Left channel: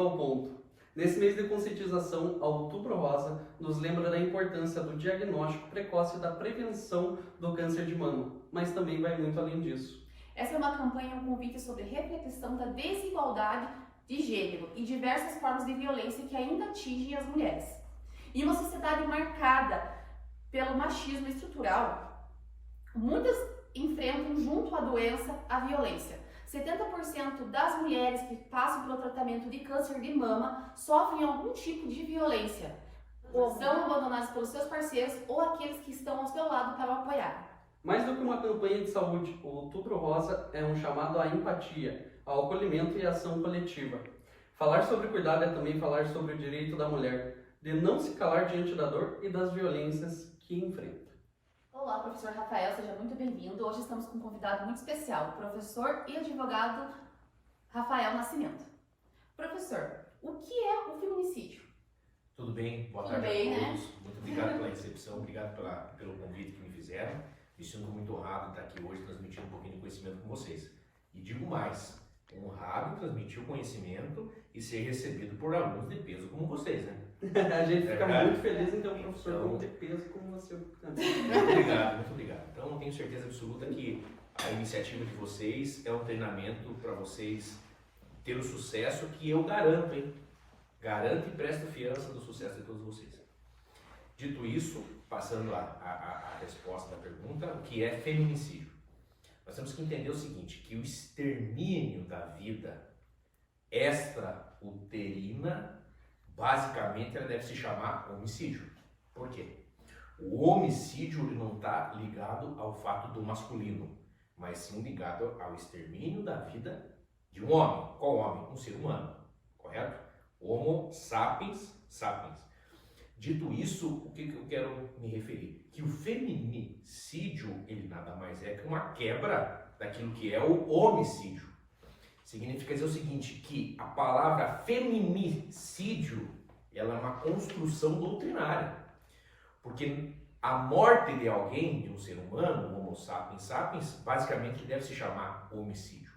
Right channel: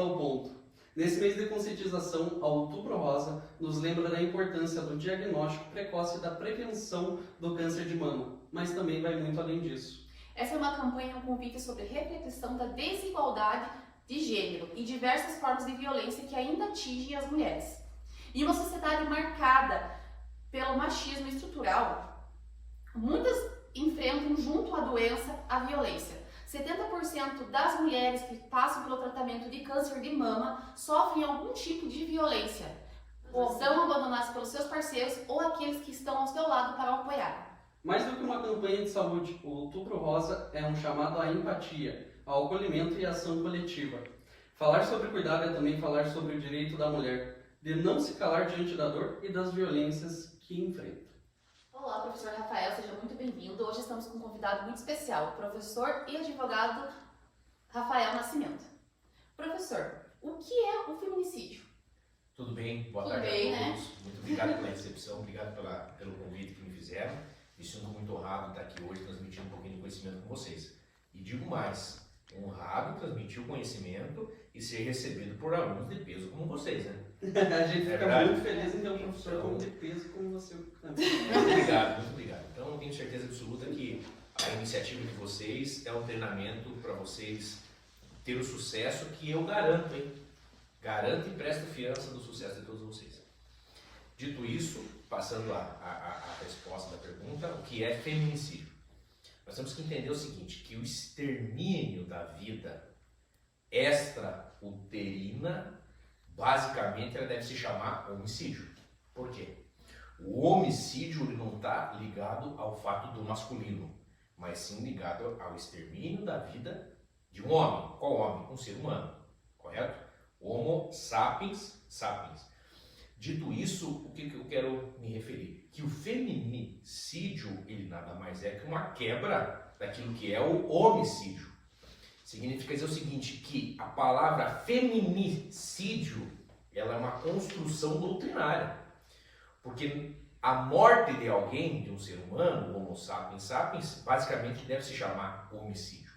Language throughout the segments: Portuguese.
ao ponto. Nesse mês de conscientização, a Outubro Rosa nos lembra da importância do diagnóstico precoce e da prevenção do câncer de mama, mas também vai muito além disso. Essa é uma campanha, um convite sobre reflexão da desigualdade de gênero e diversas formas de violência que ainda atingem as mulheres. Em uma sociedade marcada pelo machismo estrutural, muitas enfrentam junto à doença a violência. 70% das mulheres que passam pelo tratamento de câncer de mama sofrem algum tipo de violência, ou são abandonadas pelos seus parceiros ou aqueles que estão ao seu lado para o apoiar. Mais do que uma campanha de saúde, o Outubro Rosa é um chamado à empatia, ao acolhimento e à ação coletiva. Falar sobre cuidado é também falar sobre o direito da mulher de não se calar diante da dor e das violências que enfrenta. Olá, professor Rafael, seja muito bem-vindo. Hoje estamos com um convidado muito especial, o professor e advogado Rafael Nascimento. Professor, o que é o feminicídio? Tudo bem? Boa Tudo tarde bem, a né? todos. Muito obrigado pela recepção, obrigado pelo convite que me fizeram. Me sinto muito honrado em estar aqui hoje transmitindo um pouquinho de conhecimento com vocês. E digo mais, honrado em transmitir o conhecimento e ser recebido por alunos de peso como vocês, né? A gente É fica verdade? muito feliz em ter um professor Então- tão de peso como você. Muito obrigado, muito obrigado. Então, eu tenho certeza absoluta que a iniciativa de vocês é um treinamento para vocês ter o sucesso que eu garanto, hein? Garanto e presto fiança do sucesso de todos vocês. Dito isso, passando a resposta da pergunta, o que é feminicídio? Nós temos que entender o seguinte, que o extermínio da vida extrauterina, basicamente ela deve se chamar homicídio. Por quê? O homicídio ele não está ligado ao fato do masculino, mas sim ligado ao extermínio da vida de um homem. Qual homem? Um ser humano, correto? Homo sapiens sapiens. Dito isso, o que eu quero me referir? Que o feminicídio, ele nada mais é que uma quebra daquilo que é o homicídio. Significa dizer o seguinte, que a palavra feminicídio, ela é uma construção doutrinária. Porque a morte de alguém, de um ser humano, o Homo sapiens sapiens, basicamente deve se chamar homicídio.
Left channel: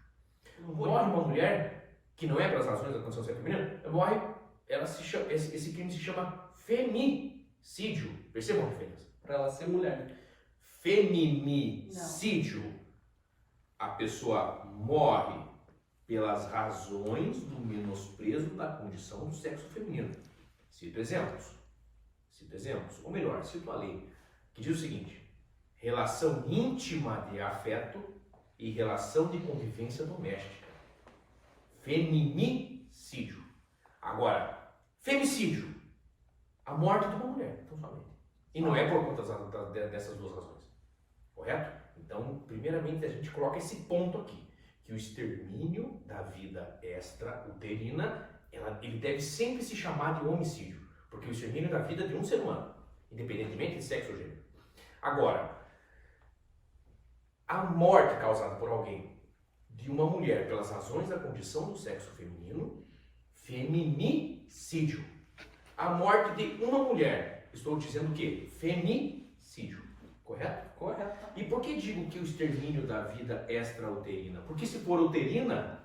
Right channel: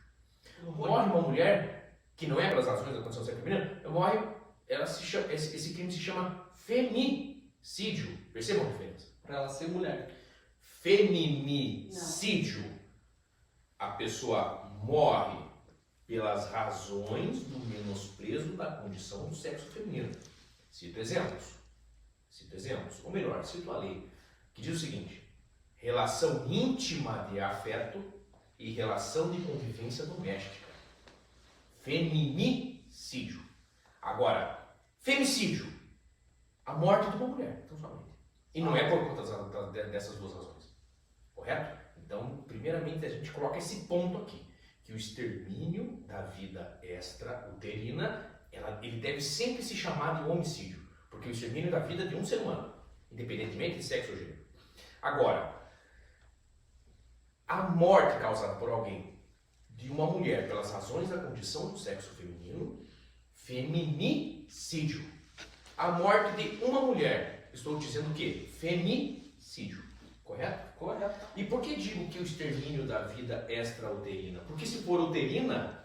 Morre uma mulher, que não é pelas razões da condição sexual feminina, morre, esse crime se chama femicídio. Percebam a diferença? Para ela ser mulher. Feminicídio, a pessoa morre pelas razões do menosprezo da condição do sexo feminino. Cito exemplos. Ou melhor, cito a lei, que diz o seguinte: relação íntima de afeto e relação de convivência doméstica. Feminicídio. Agora, femicídio, a morte de uma mulher, tão somente. E não é por conta dessas duas razões. Correto? Então, primeiramente, a gente coloca esse ponto aqui, que o extermínio da vida extrauterina, ele deve sempre se chamar de homicídio, porque o extermínio da vida de um ser humano, independentemente de sexo ou gênero. Agora, a morte causada por alguém de uma mulher pelas razões da condição do sexo feminino, feminicídio. A morte de uma mulher, estou dizendo o quê? Femicídio. Correto? Correto. E por que digo que o extermínio da vida extrauterina? Porque se for uterina,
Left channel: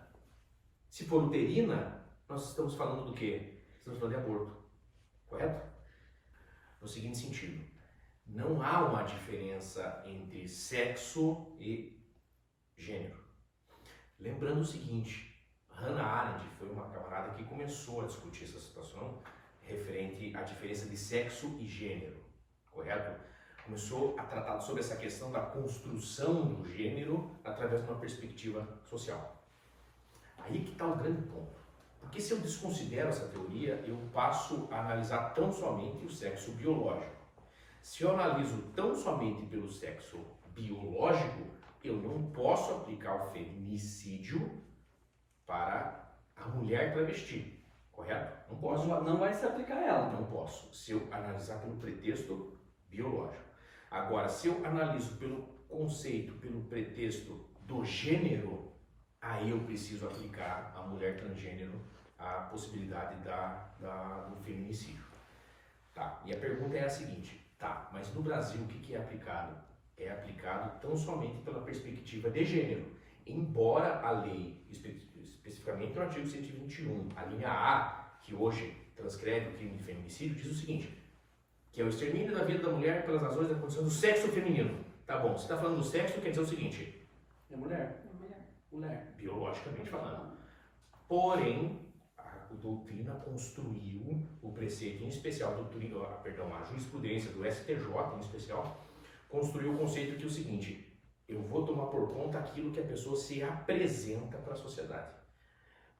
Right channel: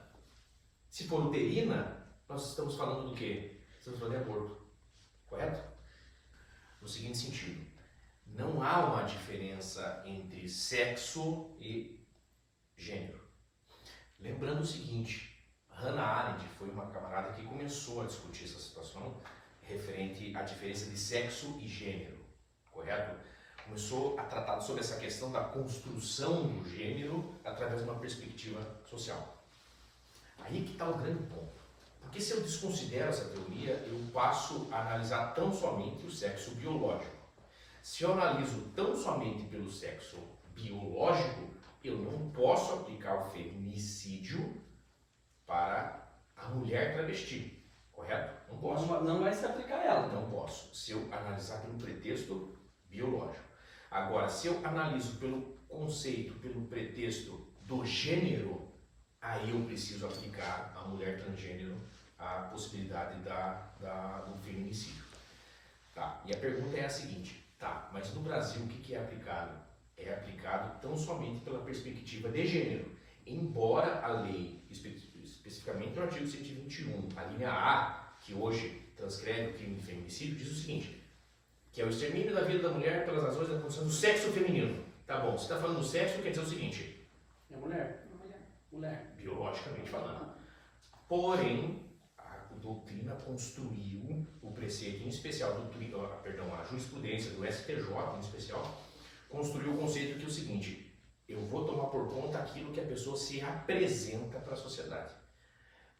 nós estamos falando do quê? Estamos falando de aborto. Correto? No seguinte sentido, não há uma diferença entre sexo e gênero. Lembrando o seguinte, Hannah Arendt foi uma camarada que começou a discutir essa situação referente à diferença de sexo e gênero, correto? Começou a tratar sobre essa questão da construção do gênero através de uma perspectiva social. Aí que está o grande ponto. Porque se eu desconsidero essa teoria, eu passo a analisar tão somente o sexo biológico. Se eu analiso tão somente pelo sexo biológico, eu não posso aplicar o feminicídio para a mulher travesti, correto? Não posso. Não vai se aplicar a ela. Não posso, se eu analisar pelo pretexto biológico. Agora, se eu analiso pelo conceito, pelo pretexto do gênero, aí eu preciso aplicar à mulher transgênero a possibilidade do feminicídio. Tá? E a pergunta é a seguinte, tá, mas no Brasil o que é aplicado? É aplicado tão somente pela perspectiva de gênero, embora a lei especificamente no artigo 121, a linha A, que hoje transcreve o crime de feminicídio, diz o seguinte, que é o extermínio da vida da mulher pelas razões da condição do sexo feminino. Tá bom, você está falando do sexo, quer dizer o seguinte, É mulher. Mulher. biologicamente falando. Porém, a doutrina construiu o preceito em especial, a jurisprudência do STJ em especial, construiu o conceito que é o seguinte, eu vou tomar por conta aquilo que a pessoa se apresenta para a sociedade.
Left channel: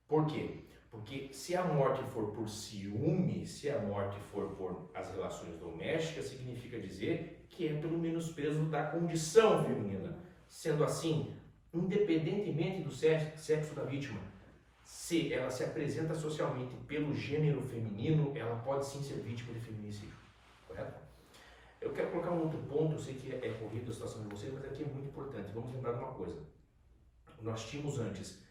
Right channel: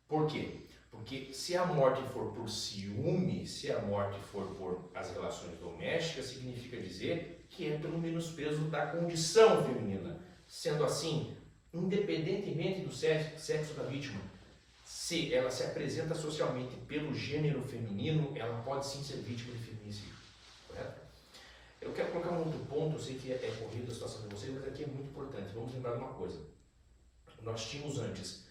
Por quê? Porque se a morte for por ciúme, se a morte for por as relações domésticas, significa dizer que é pelo menosprezo da condição feminina. Sendo assim, independentemente do sexo da vítima, se ela se apresenta socialmente pelo gênero feminino, ela pode sim ser vítima de feminicídio, correto? Eu quero colocar um outro ponto, eu sei que é corrido a situação de vocês, mas aqui é muito importante. Vamos lembrar de uma coisa. Nós tínhamos antes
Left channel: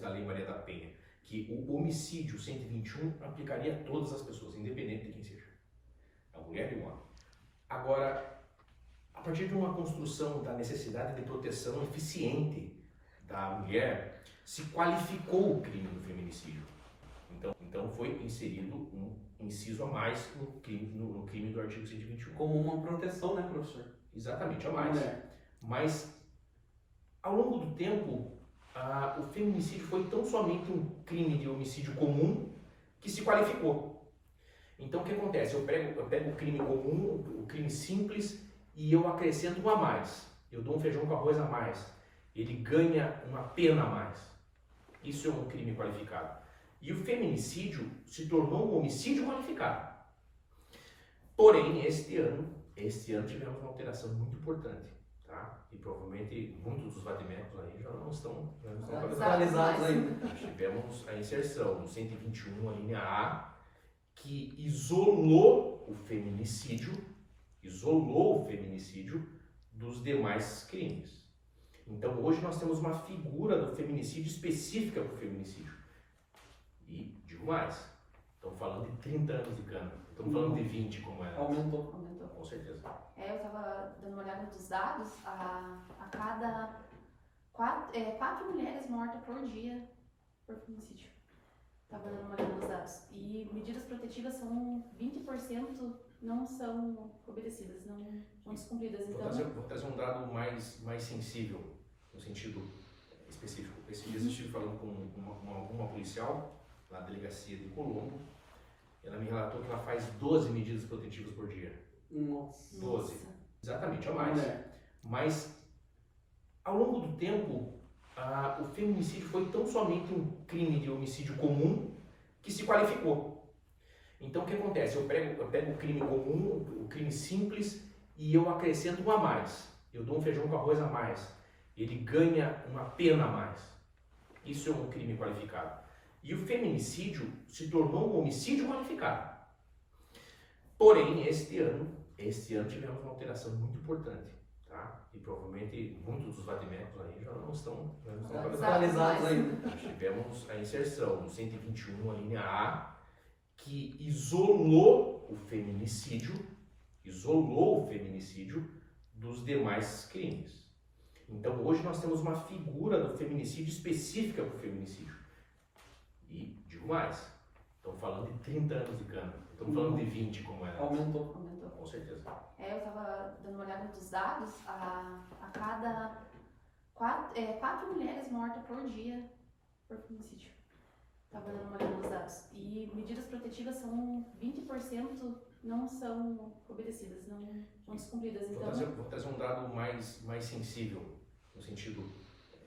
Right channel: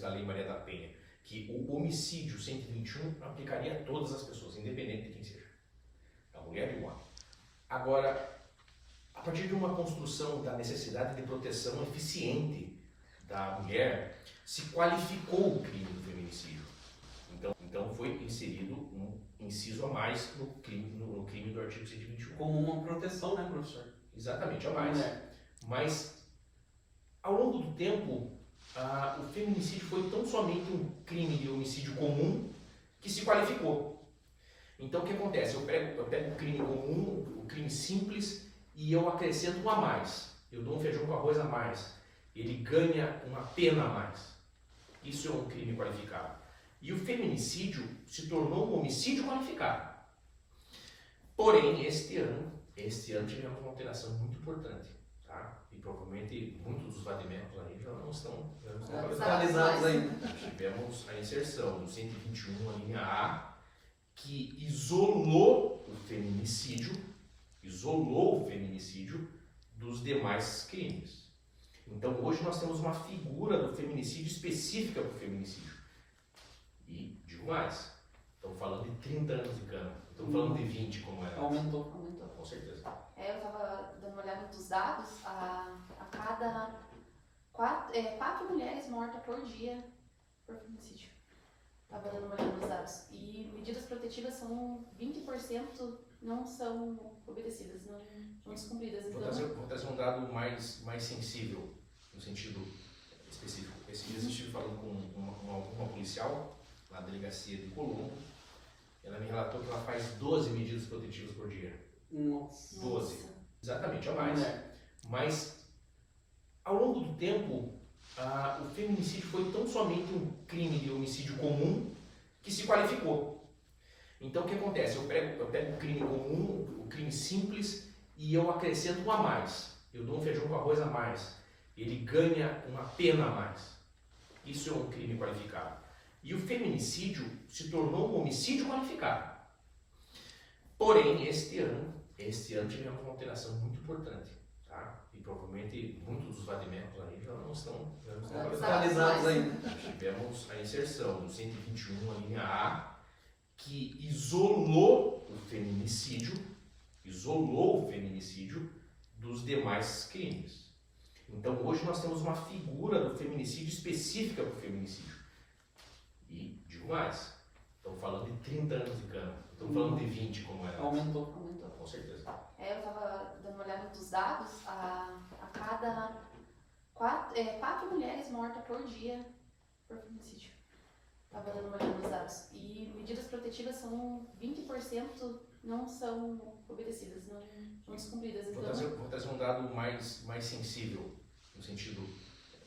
da Lei Maria da Penha, que o homicídio 121 aplicaria a todas as pessoas, independente de quem seja, a mulher e o homem. Agora, a partir de uma construção da necessidade de proteção eficiente da mulher, se qualificou o crime do feminicídio. Então foi inserido um inciso a mais no crime do artigo 121. Como uma proteção, né, professor? Exatamente, a mais. Mas, ao longo do tempo, o feminicídio foi tão somente um crime de homicídio comum que se qualificou. Então, o que acontece? Eu pego o crime comum, o crime simples, e eu acrescento um a mais. Eu dou um feijão com arroz a mais. Ele ganha uma pena a mais. Isso é um crime qualificado. E o feminicídio se tornou um homicídio qualificado. Porém, este ano tivemos uma alteração muito importante, tá? E provavelmente muitos dos vadimentos aí já não estão Atualizados ainda. Nós tivemos a inserção do 121, a linha A, que isolou o feminicídio dos demais crimes. Então, hoje nós temos uma figura do feminicídio específica para o feminicídio. E, digo mais, estamos falando de 30 anos de cana, não estamos falando de 20 como era. Aumentou. Com certeza. Eu estava dando uma olhada dos dados, a cada 4 mulheres mortas por dia por feminicídio. Estava dando uma olhada nos dados. E medidas protetivas são 20% não são obedecidas, não descumpridas. Então, Vou trazer um dado mais sensível, no sentido específico. Esses dias eu estive falando com uma policial na delegacia de Colombo. Ela me relatou que ela faz 12 medidas protetivas por dia. Nossa. 12. Exatamente, a mais. Mas, ao longo do tempo, o feminicídio foi tão somente um crime de homicídio comum que se qualificou. Então, o que acontece? Eu pego o crime comum, o crime simples, e eu acrescento um a mais. Eu dou um feijão com arroz a mais. Ele ganha uma pena a mais. Isso é um crime qualificado. E o feminicídio se tornou um homicídio qualificado. Porém, este ano tivemos uma alteração muito importante, tá? E provavelmente muitos dos vadimentos aí já não estão Atualizados ainda. Nós tivemos a inserção do 121, a linha A, que isolou o feminicídio dos demais crimes. Então, hoje nós temos uma figura do feminicídio específica para o feminicídio. E, digo mais, estamos falando de 30 anos de cana, não estamos falando de 20 como era. Aumentou. Com certeza. Eu estava dando uma olhada dos dados, a cada 4 mulheres mortas por dia por feminicídio. Estava dando uma olhada nos dados. E medidas protetivas são 20% não são obedecidas, não descumpridas. Então, Vou trazer um dado mais sensível, no sentido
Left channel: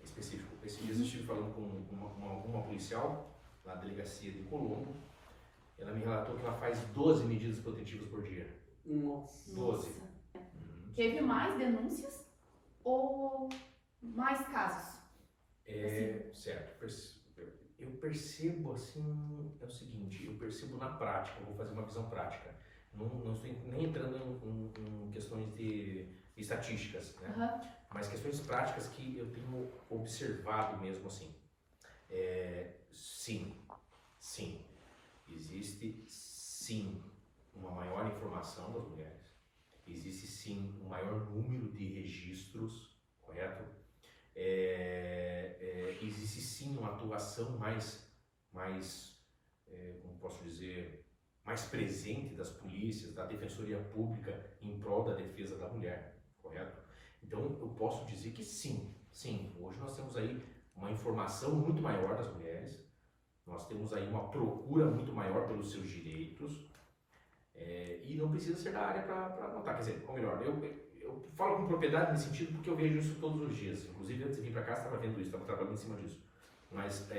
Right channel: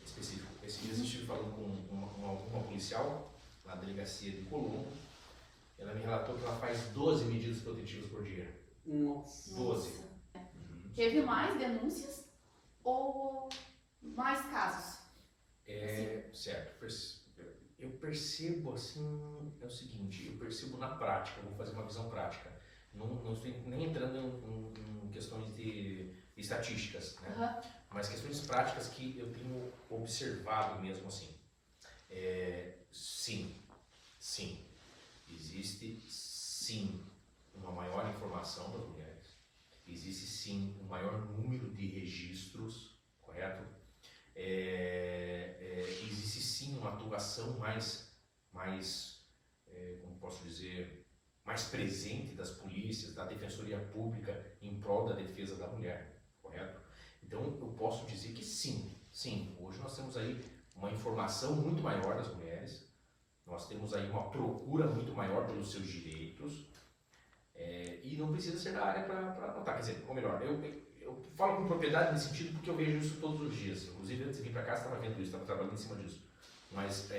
específico. Esses dias eu estive falando com uma policial na delegacia de Colombo. Ela me relatou que ela faz 12 medidas protetivas por dia. Nossa. 12. Teve mais denúncias ou mais casos? Certo. Eu percebo assim, é o seguinte, eu percebo na prática, vou fazer uma visão prática. Não estou nem entrando em questões de estatísticas, né? Uhum. Mas questões práticas que eu tenho observado mesmo assim. Sim. Existe sim uma maior informação das mulheres. Existe sim um maior número de registros, correto? Existe sim uma atuação como posso dizer, mais presente das polícias, da defensoria pública em prol da defesa da mulher, correto? Então eu posso dizer que sim, hoje nós temos aí uma informação muito maior das mulheres, nós temos aí uma procura muito maior pelos seus direitos, e não precisa ser da área para notar, quer dizer, ou melhor, eu falo com propriedade nesse sentido porque eu vejo isso todos os dias, inclusive antes de vir para cá estava vendo isso, estava trabalhando em cima disso, mas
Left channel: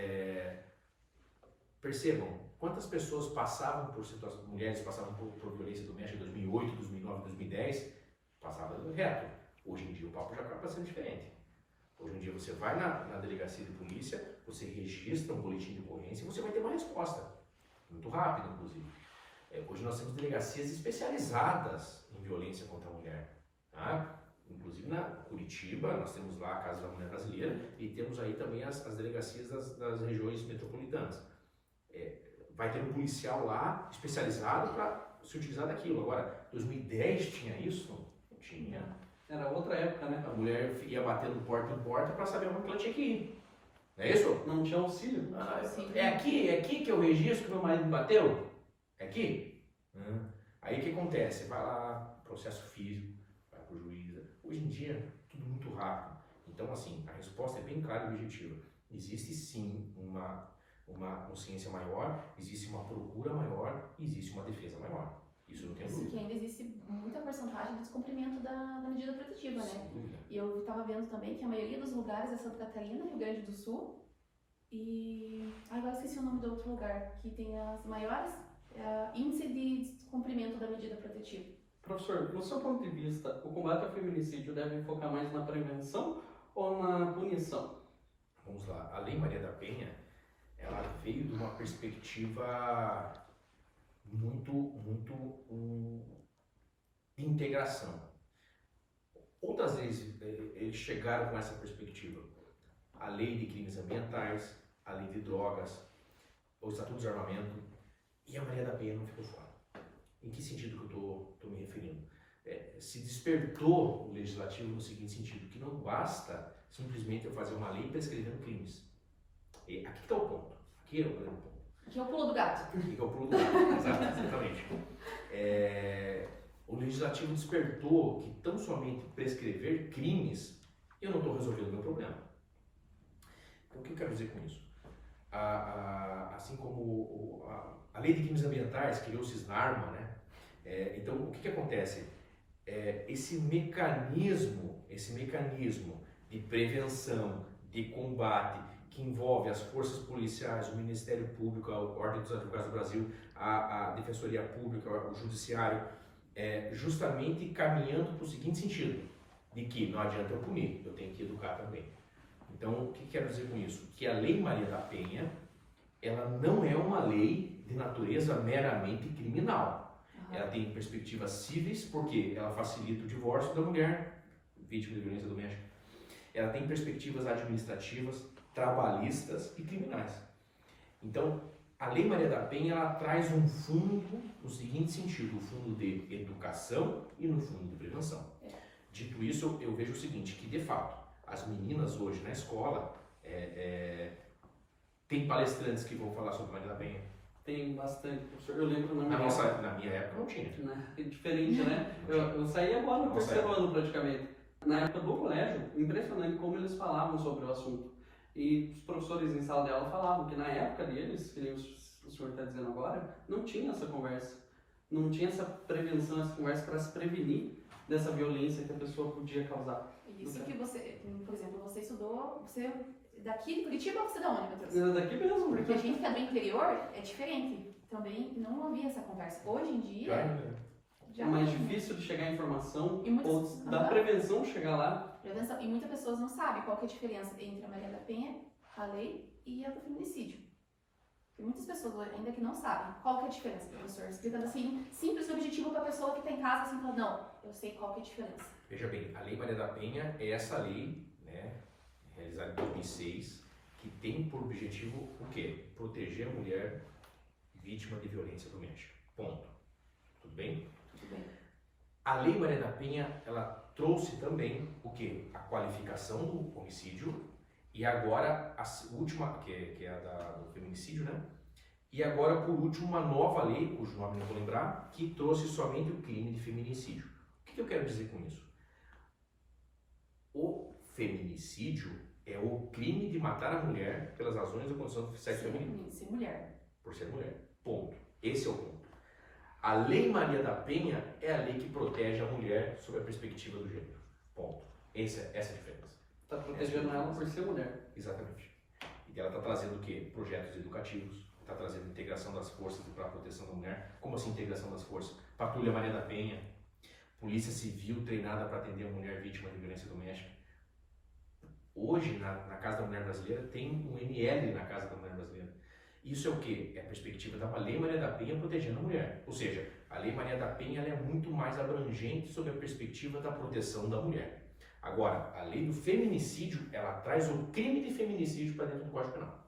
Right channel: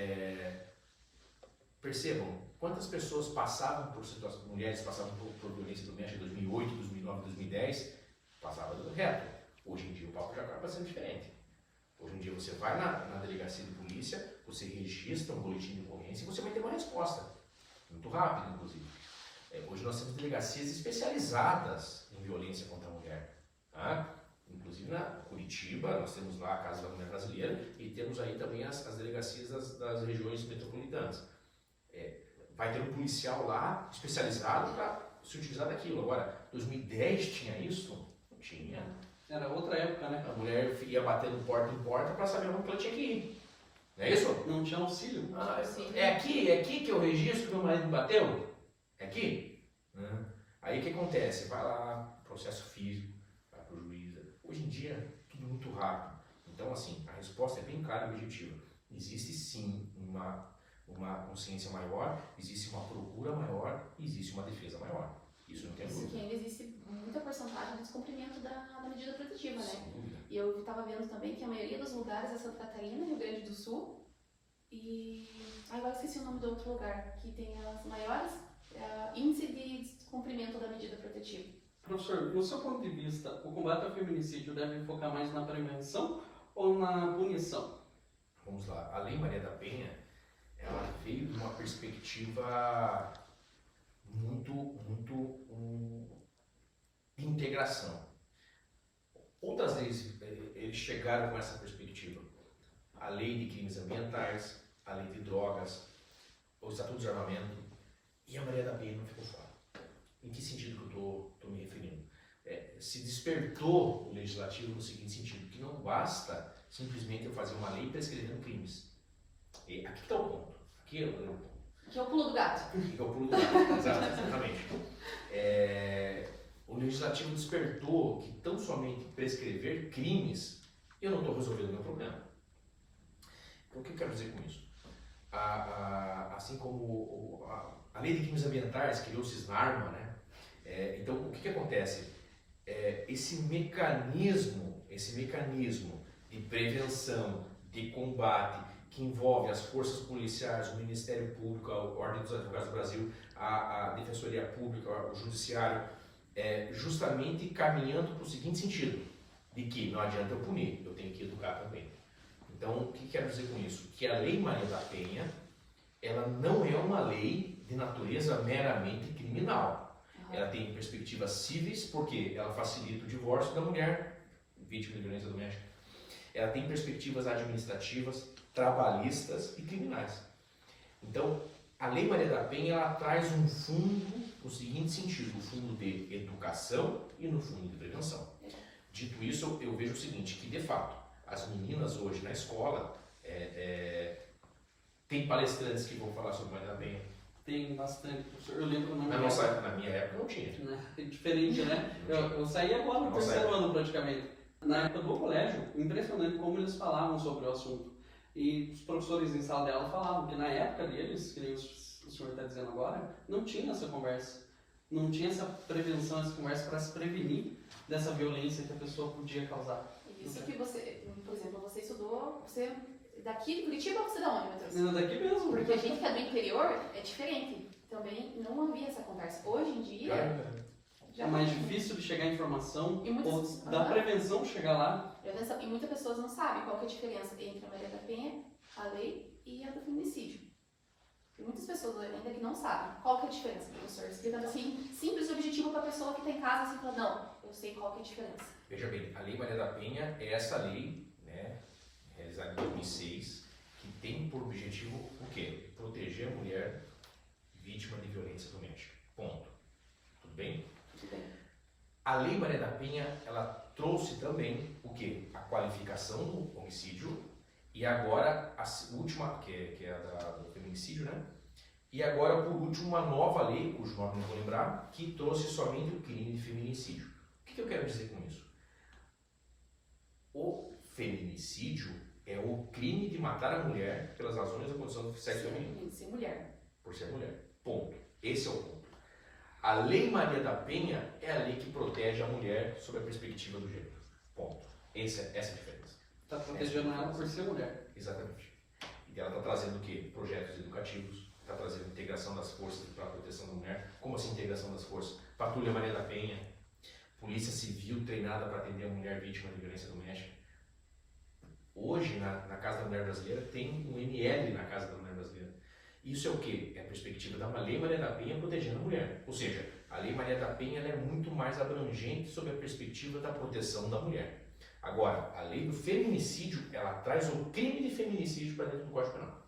percebam, quantas pessoas passavam por situações, mulheres passavam por violência doméstica em 2008, 2009, 2010, passava reto. Hoje em dia o papo já acaba sendo diferente. Hoje em dia você vai na delegacia de polícia, você registra um boletim de ocorrência e você vai ter uma resposta, muito rápida inclusive. Hoje nós temos delegacias especializadas em violência contra a mulher, tá? Inclusive na Curitiba, nós temos lá a Casa da Mulher Brasileira e temos aí também as delegacias das regiões metropolitanas. Vai ter um policial lá especializado para se utilizar daquilo. Agora, 2010 tinha isso? Não tinha. Era outra época, né? A mulher ia batendo porta em porta para saber onde ela tinha que ir. Não é isso? Não tinha auxílio. É aqui que eu registro que meu marido me bateu? É aqui? Aí o que acontece? Vai lá, processo físico, vai para o juiz. Hoje em dia, tudo muito rápido. Então, assim, a resposta é bem clara e objetiva. Existe sim uma consciência maior, existe uma procura maior e existe uma defesa maior. Isso não tem dúvida. Que ainda existe muita porcentagem de descumprimento da medida protetiva, né? Sem dúvida. E eu estava vendo também que a maioria dos lugares é Santa Catarina, Rio Grande do Sul e... agora esqueci o nome do outro lugar, que tem as maiores índice de descumprimento da medida protetiva. Professor, do seu ponto de vista, o combate ao feminicídio deve focar mais na prevenção ou na punição? Vamos lá. A Lei Maria da Penha, ela veio de uma perspectiva muito de integração. Outras vezes eles chegaram com essa perspectiva. A Lei de Crimes Ambientais, a Lei de Drogas, o Estatuto de Armamento, e a Maria da Penha não ficou fora. Em que sentido que eu estou me referindo? Se despertou o legislativo no seguinte sentido, que não basta simplesmente eu fazer uma lei prescrevendo crimes. E aqui está o ponto. Aqui é o grande ponto. Que é o pulo do gato. Aqui é o pulo do gato, exatamente. O legislativo despertou que tão somente prescrever crimes, eu não estou resolvendo o meu problema. Então o que eu quero dizer com isso? Assim como a Lei de Crimes Ambientais criou o Cisnarma, né? Então o que acontece? Esse mecanismo de prevenção, de combate, que envolve as forças policiais, o Ministério Público, a Ordem dos Advogados do Brasil, a Defensoria Pública, o Judiciário, justamente caminhando para o seguinte sentido, de que não adianta eu punir, eu tenho que educar também. Então, o que quero dizer com isso? Que a Lei Maria da Penha, ela não é uma lei de natureza meramente criminal. Ela tem perspectivas cíveis, porque ela facilita o divórcio da mulher vítima de violência doméstica. Ela tem perspectivas administrativas, trabalhistas e criminais. Então, a Lei Maria da Penha, ela traz um fundo no seguinte sentido, o fundo de educação e no fundo de prevenção. Dito isso, eu vejo o seguinte, que de fato, as meninas hoje na escola, tem palestrantes que vão falar sobre Maria da Penha. Tem bastante, professor. Eu lembro Na minha época não tinha. É diferente, né? Eu saí agora no terceiro ano praticamente. Na época do colégio, impressionante como eles falavam sobre o assunto. E os professores em sala de aula falavam que na época deles, que nem o senhor está dizendo agora, não tinha essa conversa. Não tinha essa prevenção, essa conversa para se prevenir dessa violência que a pessoa podia causar. Isso que você, por exemplo, você estudou, você daqui de Curitiba ou você da onde, Matheus? Daqui mesmo. Porque a gente que é do interior é diferente. Também não havia essa conversa. Hoje em dia... É mais difícil de chegar a informação ou da prevenção chegar lá. E muitas pessoas não sabem qual que é a diferença entre a Maria da Penha, a lei e a do feminicídio. Tem muitas pessoas ainda que não sabem qual que é a diferença, professor. Explicando assim, simples e objetivo para a pessoa que está em casa, assim, falando, não, eu sei qual que é a diferença. Veja bem, a Lei Maria da Penha é essa lei, né, realizada em 2006, que tem por objetivo o quê? Proteger a mulher vítima de violência doméstica. Ponto. Tudo bem? Tudo bem. A Lei Maria da Penha, ela trouxe também o quê? A qualificação do homicídio e agora a última, que é a do feminicídio, né? E agora, por último, uma nova lei, cujo nome não vou lembrar, que trouxe somente o crime de feminicídio. O que eu quero dizer com isso? O feminicídio é o crime de matar a mulher pelas razões da condição do sexo feminino. Ser mulher. Por ser mulher. Ponto. Esse é o ponto. A Lei Maria da Penha é a lei que protege a mulher sob a perspectiva do gênero. Ponto. Essa é a diferença. Está protegendo ela por ser mulher. Exatamente. E ela está trazendo o quê? Projetos educativos, está trazendo integração das forças para a proteção da mulher. Como assim integração das forças? Patrulha Maria da Penha, Polícia Civil treinada para atender a mulher vítima de violência doméstica. Hoje, na Casa da Mulher Brasileira, tem um ML na Casa da Mulher Brasileira. Isso é o quê? É a perspectiva da Lei Maria da Penha protegendo a mulher. Ou seja, a Lei Maria da Penha ela é muito mais abrangente sob a perspectiva da proteção da mulher. Agora, a lei do feminicídio, ela traz o crime de feminicídio para dentro do Código Penal.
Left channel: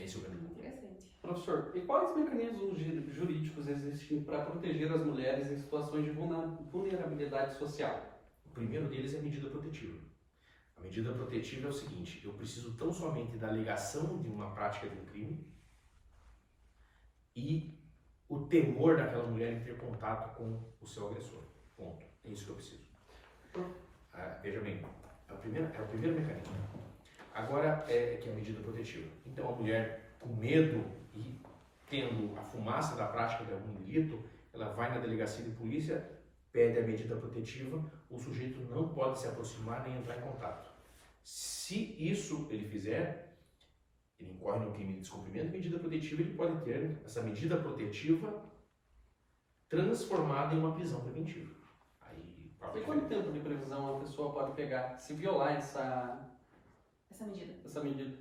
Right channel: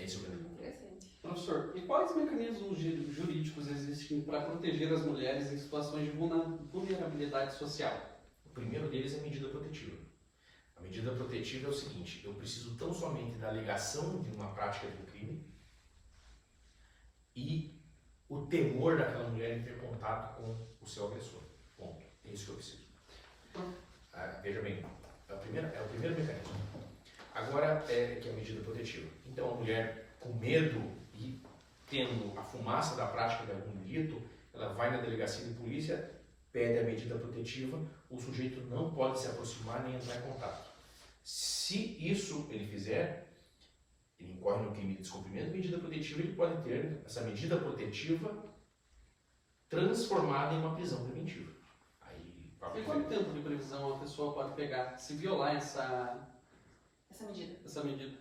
Esse é o grande ponto. Interessante. Professor, e quais mecanismos jurídicos existem para proteger as mulheres em situações de vulnerabilidade social? O primeiro deles é a medida protetiva. A medida protetiva é o seguinte: eu preciso tão somente da alegação de uma prática de um crime e o temor daquela mulher em ter contato com o seu agressor. Ponto. É isso que eu preciso. Veja bem, é o primeiro mecanismo. Agora, que é a medida protetiva. Então, a mulher com medo e tendo a fumaça da prática de algum delito, ela vai na delegacia de polícia, pede a medida protetiva, o sujeito não pode se aproximar nem entrar em contato. Se isso ele fizer, ele incorre no crime de descumprimento de medida protetiva, ele pode ter essa medida protetiva transformada em uma prisão preventiva. E quanto tempo de previsão a pessoa pode pegar se violar essa medida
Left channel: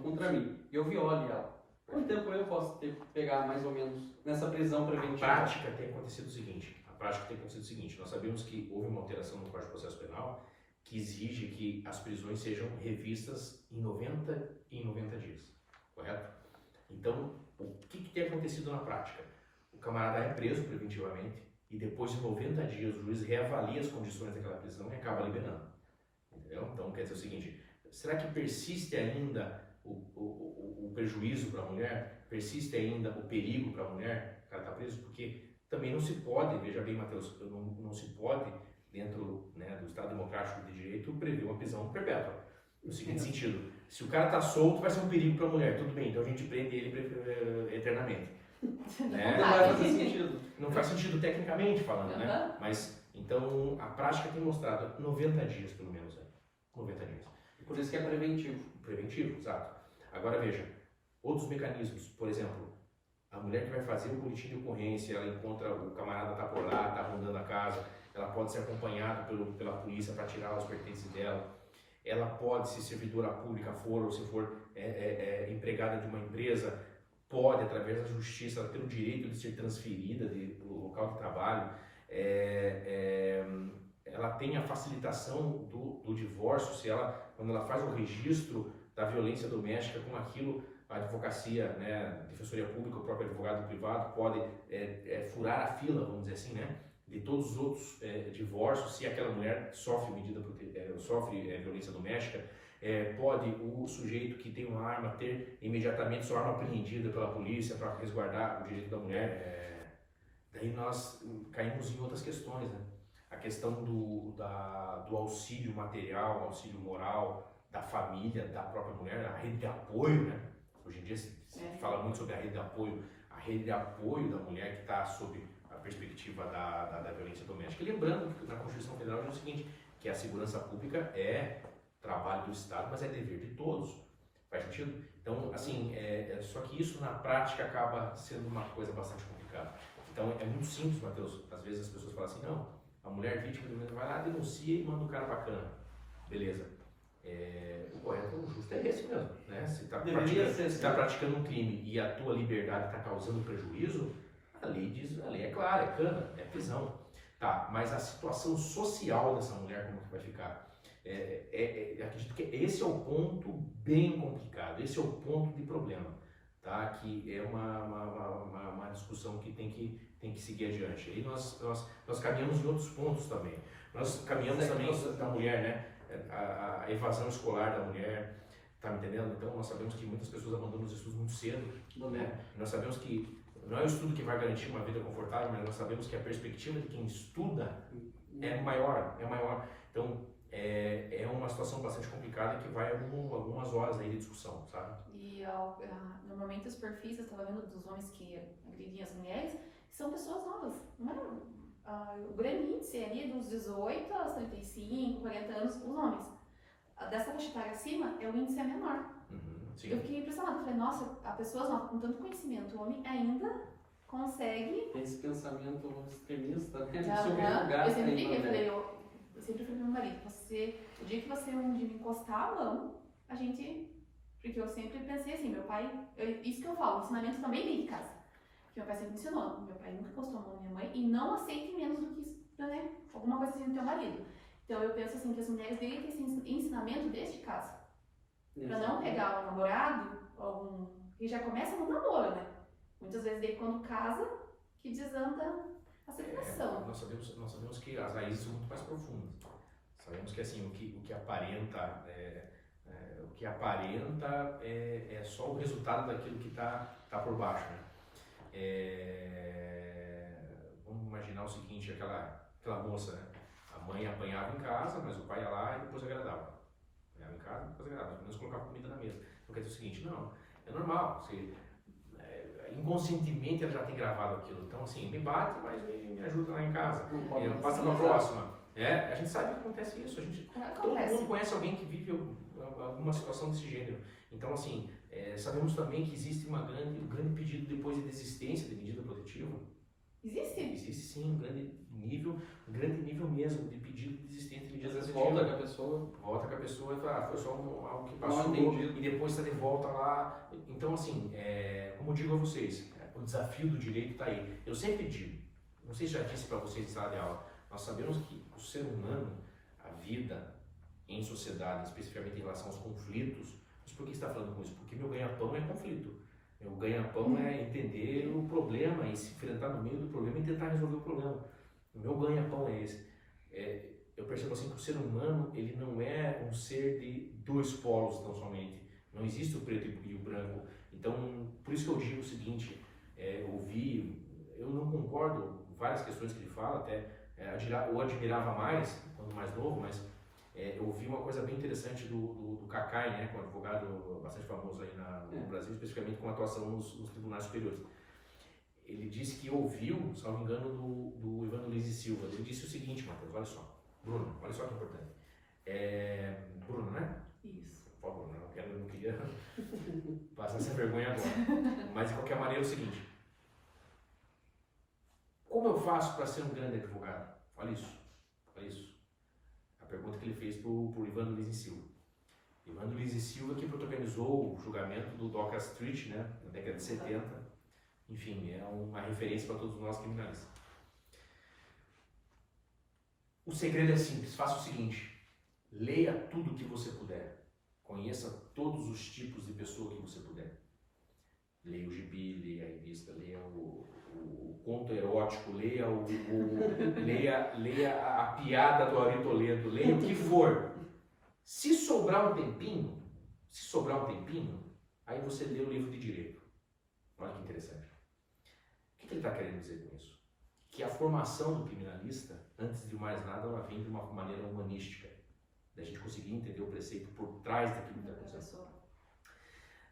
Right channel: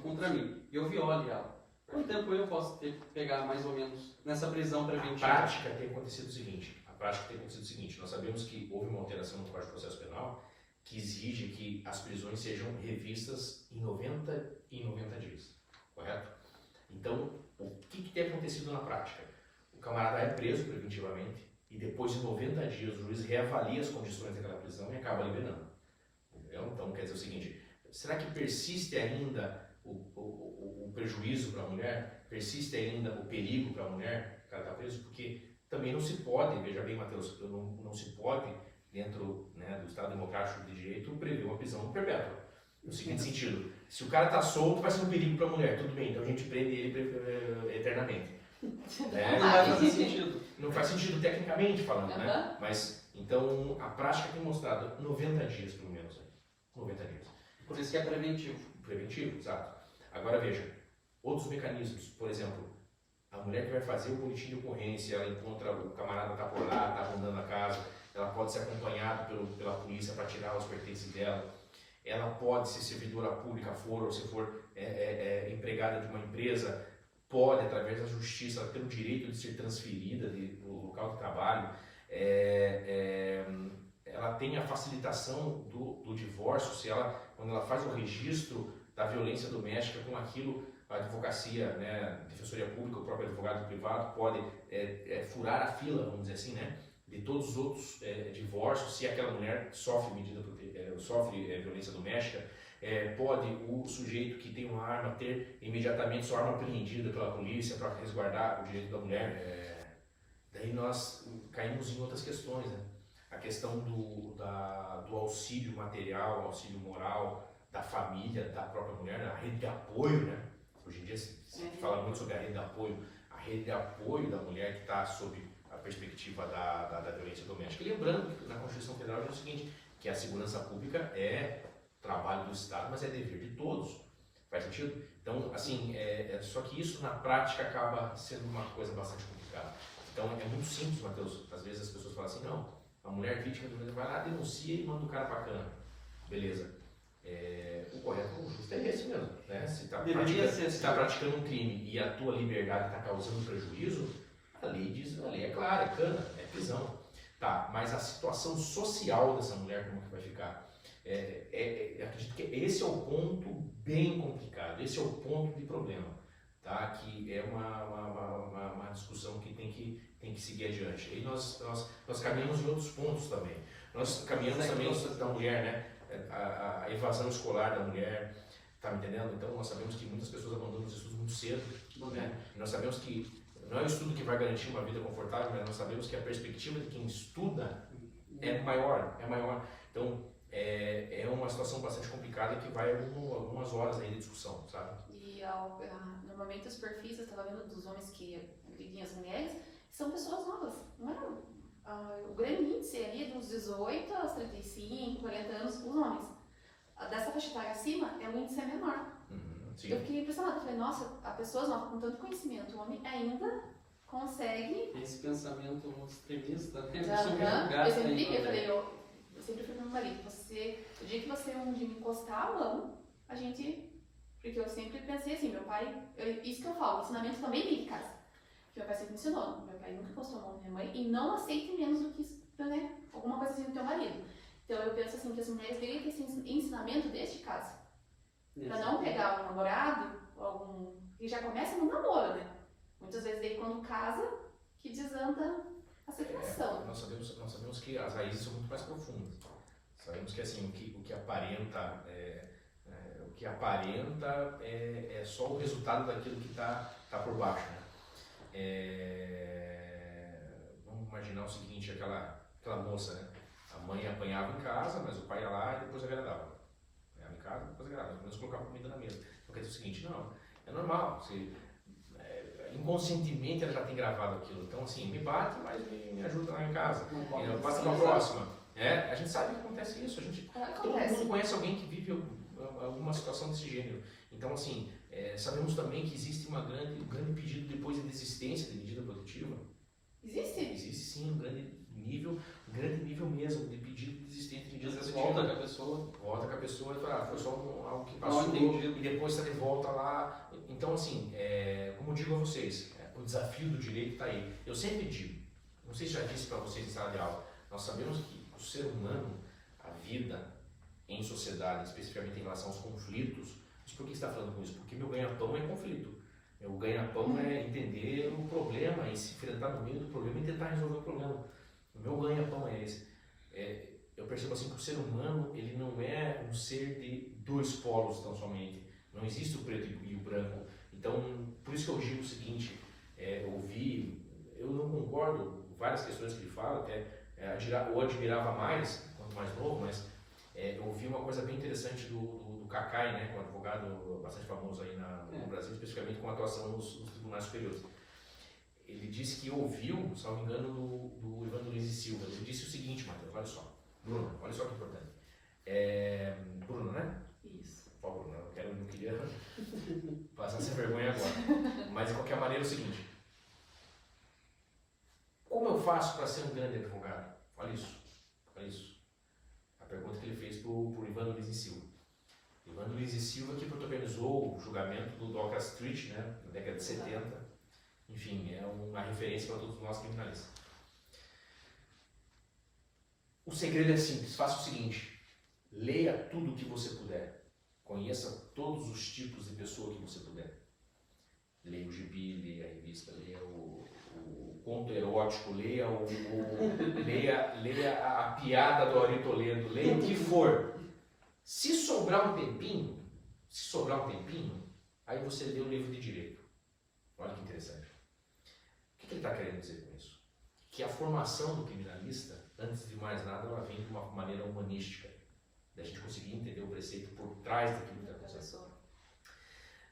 contra mim? E eu viole ela. Quanto tempo eu posso pegar mais ou menos nessa prisão preventiva? A prática tem acontecido o seguinte, nós sabemos que houve uma alteração no Código de Processo Penal que exige que as prisões sejam revistas em 90 dias, correto? Então, o que tem acontecido na prática? O camarada é preso preventivamente e depois de 90 dias o juiz reavalia as condições daquela prisão e acaba liberando. Entendeu? Então, quer dizer o seguinte, será que persiste ainda o prejuízo para a mulher? Persiste ainda o perigo para a mulher? O cara está preso? Porque também não se pode, veja bem, Matheus, não se pode, dentro, né, do Estado Democrático de Direito, prever uma prisão perpétua. No seguinte sentido, se o cara está solto, vai ser um perigo para a mulher, tudo bem, então a gente prende ele eternamente. Né? Não vai fazer sentido. Não faz sentido tecnicamente falando, né? Mas, então, a prática tem mostrado 90 dias, pelo menos. 90 dias. Por isso que é preventivo. Preventivo, exato. Agora, veja, outros mecanismos, por exemplo, a mulher que vai fazer o boletim de ocorrência, ela encontra o camarada tá por lá, tá rondando a casa, ela pode ser acompanhada pela polícia para tirar os pertences dela, ela pode, se servidora pública for, ou se for empregada de uma empresa, pode, através da justiça, ter o direito de ser transferida do local de trabalho, ela tem a facilitação do divórcio, quando ela faz o registro da violência doméstica com aquilo, a advocacia, né, defensoria pública, o próprio advogado privado pode furar a fila, vamos dizer assim, né, de todos os outros divórcios, se aquela mulher sofre violência doméstica. Pode o sujeito que tem uma arma ter imediatamente sua arma apreendida pela polícia para resguardar o direito da mulher. Daí nós caímos em outras questões, né? A questão do auxílio material, auxílio moral, da família, da própria mulher, a rede de apoio, né? Hoje em dia se fala muito sobre a rede de apoio da mulher que está sob a perspectiva da violência doméstica. E lembrando que na Constituição Federal diz o seguinte, que a segurança pública é trabalho do Estado, mas é dever de todos. Faz sentido? Então, assim, só que isso na prática acaba sendo uma coisa bastante complicada. Então, é muito simples, Matheus. Às vezes as pessoas falam assim, não, a mulher vítima de violência vai lá, denuncia e manda o cara pra cana. Beleza. O correto, o justo é esse mesmo, né? Se está praticando um crime e a tua liberdade está causando prejuízo, a lei é clara, é cana, é prisão. Tá, mas a situação social dessa mulher, como que vai ficar? Acredito que esse é o ponto bem complicado, esse é o ponto de problema, tá? Que é uma discussão que tem que seguir adiante. E nós caminhamos em outros pontos também. Nós caminhamos Segue também processo. da mulher, né? A evasão escolar da mulher, tá me entendendo? Então nós sabemos que muitas pessoas abandonam os estudos muito cedo, né? Nós sabemos que não é o estudo que vai garantir uma vida confortável, mas nós sabemos que a perspectiva de quem estuda é maior. Então é uma situação bastante complicada que vai algumas horas aí de discussão, sabe? E normalmente os perfis, eu estava vendo dos homens que agredem as mulheres, são pessoas novas. Não é, o grande índice ali dos 18 aos 35, 40 anos, os homens. Dessa faixa etária acima, o índice é menor. Sim. Eu fiquei impressionada, falei, nossa, a pessoa nova com tanto conhecimento, o homem ainda consegue. Tem esse pensamento extremista, né? Eu sempre digo, eu sempre falei pro meu marido, o dia que você um dia me encostar a mão, a gente. Porque eu sempre pensei assim, meu pai, isso que eu falo, o ensinamento também vem de casa. Que meu pai sempre ensinou, meu pai nunca encostou a mão na minha mãe e não aceite menos do que isso, né? Alguma coisa assim do teu marido. Então eu penso assim, que as mulheres deveriam ter esse ensinamento desde casa. Pra não pegar um namorado, que já começa no namoro, né? Muitas vezes daí quando casa, que desanda a separação. Nós sabemos que as raízes são muito mais profundas. Sabemos que assim, o que aparenta é só o resultado daquilo que está por baixo, né? Vamos imaginar o seguinte, aquela moça, né? A mãe apanhava em casa, mas o pai ia lá e depois agradava. Apanhava em casa e depois agradava, pelo menos colocava comida na mesa. Então quer dizer o seguinte, não, é normal, inconscientemente ela já tem gravado aquilo. Então assim, me bate, mas me ajuda lá em casa. Passa para a próxima. A gente sabe que acontece isso, todo mundo conhece alguém que vive alguma situação desse gênero. Então assim, sabemos também que existe um grande pedido depois de desistência de medida protetiva. Existe? Existe sim um grande nível mesmo de pedido de desistência de medida Às vezes protetiva. volta com a pessoa e fala, foi só algo que passou e depois está de volta lá. Então assim, como eu digo a vocês, o desafio do direito está aí. Eu sempre digo, não sei se já disse para vocês em sala de aula, nós sabemos que o ser humano, a vida em sociedade, especificamente em relação aos conflitos, mas por que você está falando com isso? Porque meu ganha-pão é conflito. Meu ganha-pão é entender o problema e se enfrentar no meio do problema e tentar resolver o problema. O meu ganha-pão é esse. Eu percebo assim que o ser humano, ele não é um ser de dois polos tão somente. Não existe o preto e o branco. Então, por isso que eu digo o seguinte, eu não concordo com várias questões que ele fala, até eu admirava mais, quando mais novo, mas eu ouvi uma coisa bem interessante do Cacai, né, que é um advogado bastante famoso aí no Brasil, especificamente com atuação nos tribunais superiores. Ele disse que ouviu, salvo engano, do Evandro Lins e Silva. Ele disse o seguinte, Matheus, olha só. Bruno, olha só que importante. Bruno, né? Isso. Por favor, não queria passar essa vergonha agora. Mas de qualquer maneira é o seguinte. Como eu faço para ser um grande advogado? Olha isso. A pergunta que ele fez para o Evandro Lins e Silva. Evandro Lins e Silva que protagonizou o julgamento do Doca Street, né, na década de 70. Enfim, é uma referência para todos nós criminalistas. O segredo é simples, faça o seguinte, leia tudo o que você puder, conheça todos os tipos de pessoa que você puder. Leia o gibi, leia a revista, leia o conto erótico, leia leia a piada do Ari Toledo, leia o que for. Se sobrar um tempinho, aí você lê o livro de direito. Olha que interessante. O que ele está querendo dizer com isso? Que a formação do criminalista, antes de mais nada, ela vem de uma maneira humanística, da gente conseguir entender o preceito por trás daquilo que está acontecendo.